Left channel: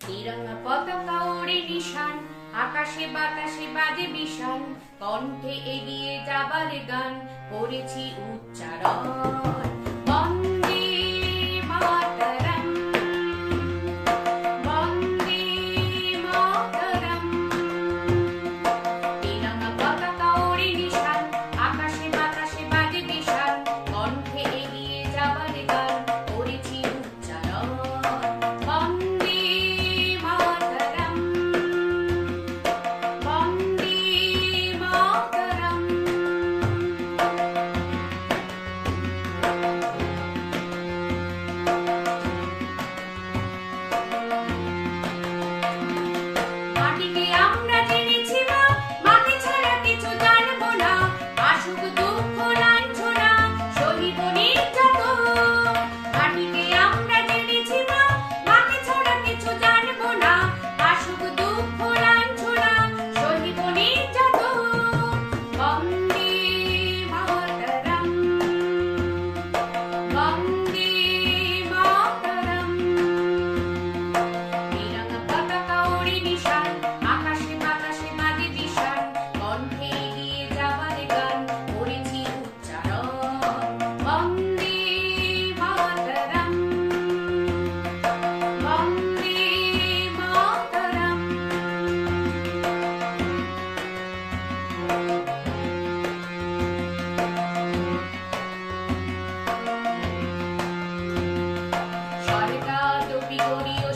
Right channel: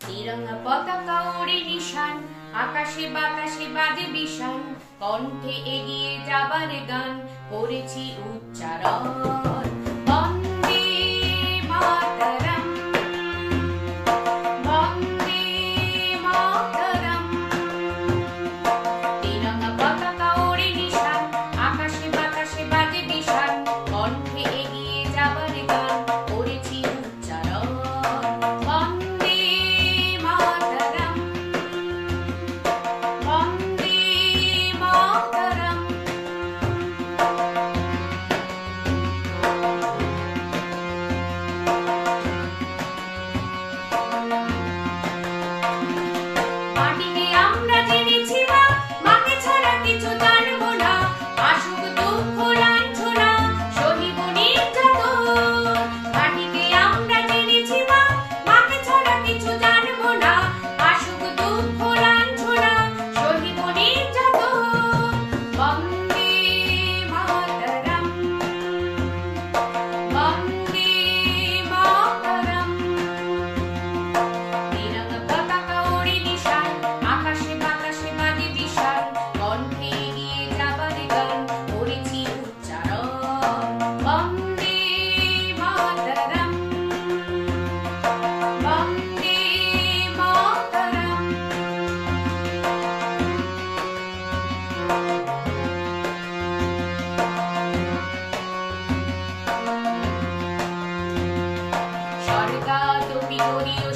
তিরঙ্গা পতাকা ওড়ে নিশান, আকাশে বাতাসে বাজে বিশান, কণ্ঠে এগিয়ে যাবার গান করেছি উচ্চারণ। বন্দে মাতরম, বন্দে মাতরম। তিরঙ্গা পতাকা ওড়ে নিশান, আকাশে বাতাসে বাজে বিশান, কণ্ঠে এগিয়ে যাবার গান করেছি উচ্চারণ। বন্দে মাতরম, বন্দে মাতরম। মাটিকে আমরা জেনেছি মা, মাকে ছাড়া কিছু জানবো না। আসুক দুঃখ লাঞ্ছনা, সহিব নির্যাতন। মাটিকে আমরা জেনেছি মা, মাকে ছাড়া কিছু জানবো না। আসুক দুঃখ লাঞ্ছনা, সহিব নির্যাতন। বন্দে মাতরম, বন্দে মাতরম। তিরঙ্গা পতাকা ওড়ে নিশান, আকাশে বাতাসে বাজে বিশান, কণ্ঠে এগিয়ে যাবার গান করেছি উচ্চারণ। বন্দে মাতরম, বন্দে মাতরম। স্বর্গাদপি গরীয়